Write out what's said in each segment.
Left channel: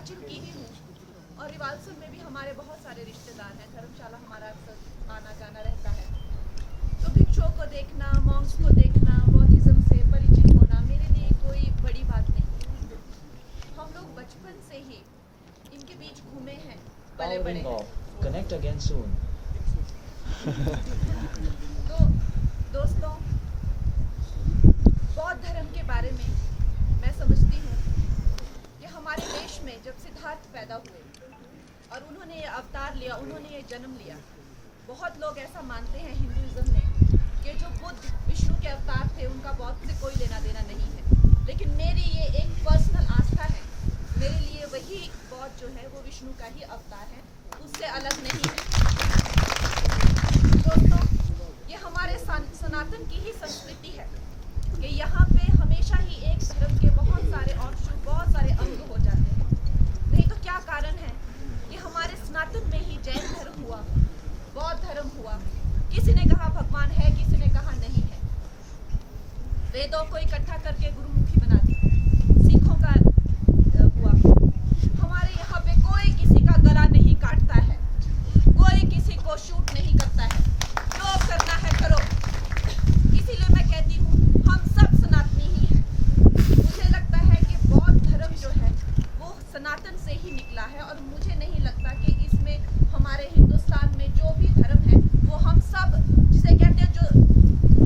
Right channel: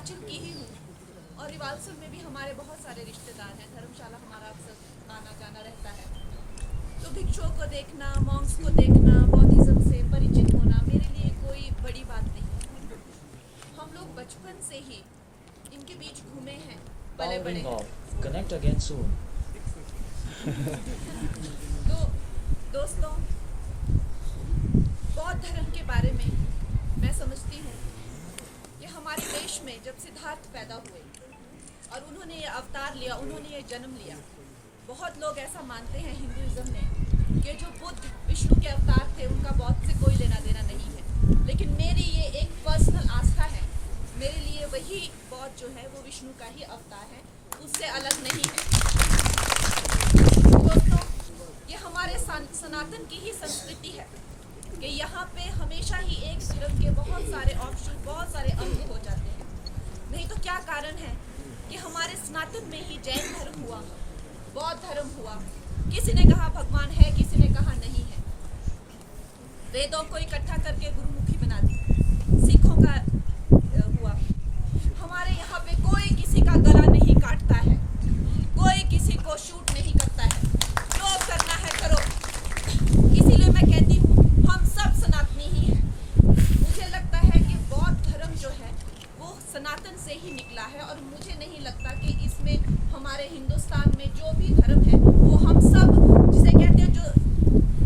हिमाचल की ही हूँ और रिवालसर में भी हमारे बहुत सारे रिश्तेदार हैं। धर्मशाला हमारा अक्सर आना जाना रहता है। तो भिक्षुओं को देखना, मॉन्क्स को देखना, बौद्धिज्म से परिचित होना मेरे लिए कोई बड़ी बात नहीं है। हम लोग बचपन से ही इनके बीच घूमे हैं, पले बड़े हैं। Connect again soon. तो दोस्तों, बौद्ध धर्म के बारे में मैं समझती हूँ कि हमारे देश में जब सिद्धार्थ पैदा हुए और उन्होंने ये अवतार लिया, उन्होंने ये जन्म लिया, बहुत लोग ऐसा मानते हैं हिंदुइज्म ने कि जो बुद्ध विष्णु के अवतार थे उनका बौद्ध से कोई लेना देना नहीं है। लेकिन मेरी ये एक पर्सनल आस्था है, मेरे लिए वही बौद्ध जो है वो विष्णु का ही अवतार है, उससे अलग नहीं है। दोस्तों, ये हमारे सनातन की ही संस्कृति है कि यहाँ पे हमेशा ही एक धर्म के बहुत सारे ऑप्शन, बहुत सारे अंग हो जाते हैं। नहीं तो क्या कारण है कि हमारे सनातन में ही जैन धर्म हुआ, बौद्ध धर्म हुआ, किसी ने कहा भगवान है, किसी ने कहा नहीं है। वेदों को इकट्ठा करके गुरुमुखी बना दी, सिखों का हुआ। हमारे यहाँ पे कोई किसी का गला नहीं काटता है, कोई किसी को शूट नहीं करता है, जो करना है करो। इसीलिए मैं कहती हूँ हम सब सनातनी ही हैं। मुझे लगता है कि बौद्ध धर्म जो है वो सनातन से ही निकला है और मुझे नहीं लगता कि इसमें हमारे हिंदुस्तान में जो भी धर्म है वो हम सब, जिसे कहते हैं जो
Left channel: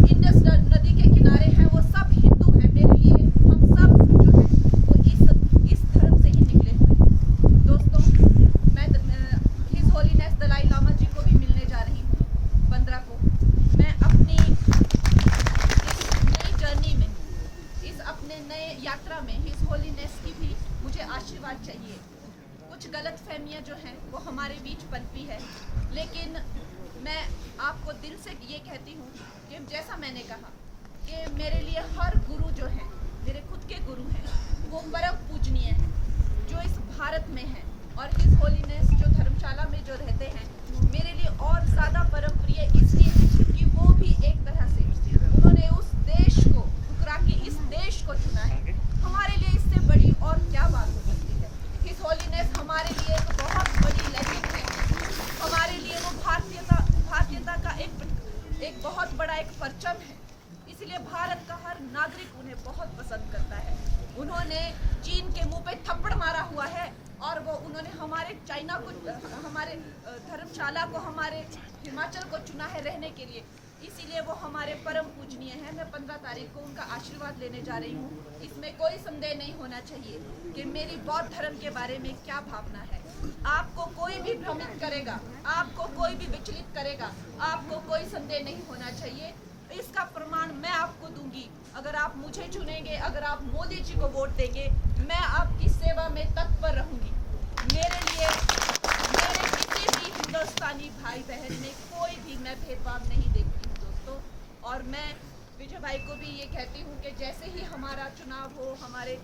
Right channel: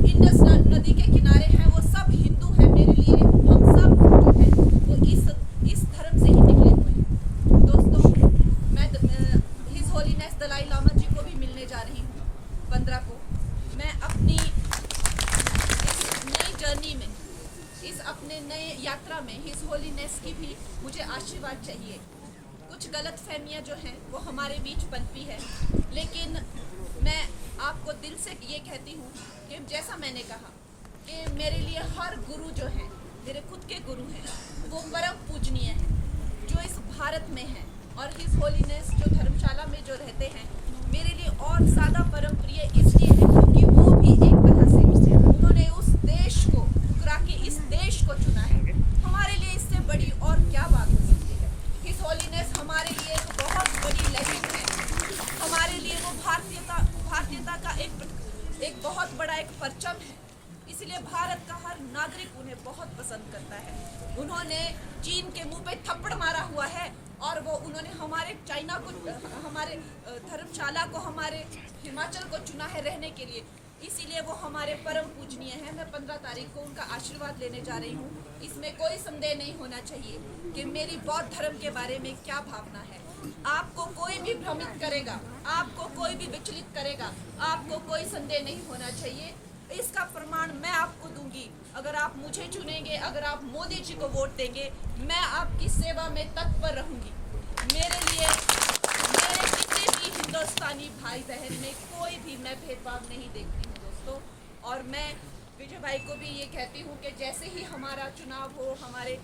इंडस नदी के किनारे हैं, वो सब हिंदू हैं। मेरे लिए हम सब जो है वो इस धर्म से ही निकले हुए हैं। दोस्तों, मैं हिज होलीनेस दलाई लामा जी को भी मिलने जा रही हूँ 15 को। मैं अपनी इस नई जर्नी में, इस अपने नए यात्रा में हिज होलीनेस की भी मुझे आशीर्वाद चाहिए। कुछ गलत फहमियाँ जो हैं वो हमारे बीच पनपी है, लेकिन मैं आपको दिल से ये कहती हूँ कि जैसा मैंने कहा कि मेरे लिए हर गुरु जो हैं, मेरे खुद के गुरु हैं, वो परम पूजनीय हैं जो इस भारत में हैं। और हिज होलीनेस जो धर्मशाला में जो रहते हैं, मेरे लिए और ज़्यादा परम प्रिय इसलिए है क्योंकि वो भी एक तरह से उन्होंने उस देश को ठुकरा के इस देश को चुना है। हमारे लिए इससे बड़ी और क्या बात हो सकती है। हिज होलीनेस हमारे लिए एक बहुत बड़ी लेजेंड है, हमारे लिए वो भारतीयता का एक बहुत बड़ा एक परचम है। इसलिए भारत का हर नागरिक उन्हें बहुत पसंद करता है। उन्होंने चीन के मुंह पे थप्पड़ मारा हुआ है और वो उन्होंने हमारे चाइना को, हमारे धर्मशाला को, हमारे हिमाचल को चुना है रहने के लिए। इसीलिए वो हमारे परम पूजनीय हैं। मैं 15 तारीख को उनका आशीर्वाद लेने जा रही हूँ। इसमें कोई संदेह नहीं होना चाहिए कि मेरी बौद्ध धर्म के बारे में क्या भावना है। आपको कोई भी भ्रमित करेगा, आपको कोई भी विचलित करेगा, आपको कोई संदेह नहीं होना चाहिए। इसका प्रमाण मैं आपको दूंगी। अगर आप मुझे चुनेंगे, अगर आप मोदी जी को वोट देंगे, मैं आपकी सेवा में तत्पर रहूंगी। मेरे लिए मेरे किसी भी हिंदुस्तानी भाई बहन में कोई भी मैं भेदभाव नहीं देखती हूँ दोस्तों। और मैं विजय भाई को भी ये कहती हूँ कि जैसे ही हमारा चुनाव हो, हमारे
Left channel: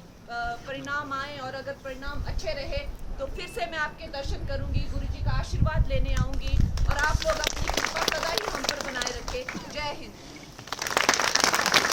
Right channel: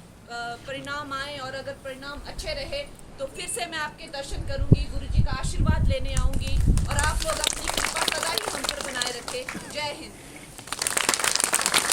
परिणाम आए और अगर परिणाम अच्छे रहे तो फिर से मैं आपके दर्शन करूंगी, गुरु जी का आशीर्वाद लेने आऊंगी और आप लोग अपनी कृपा सदा ही हम पर बनाए रखें। जय हिंद।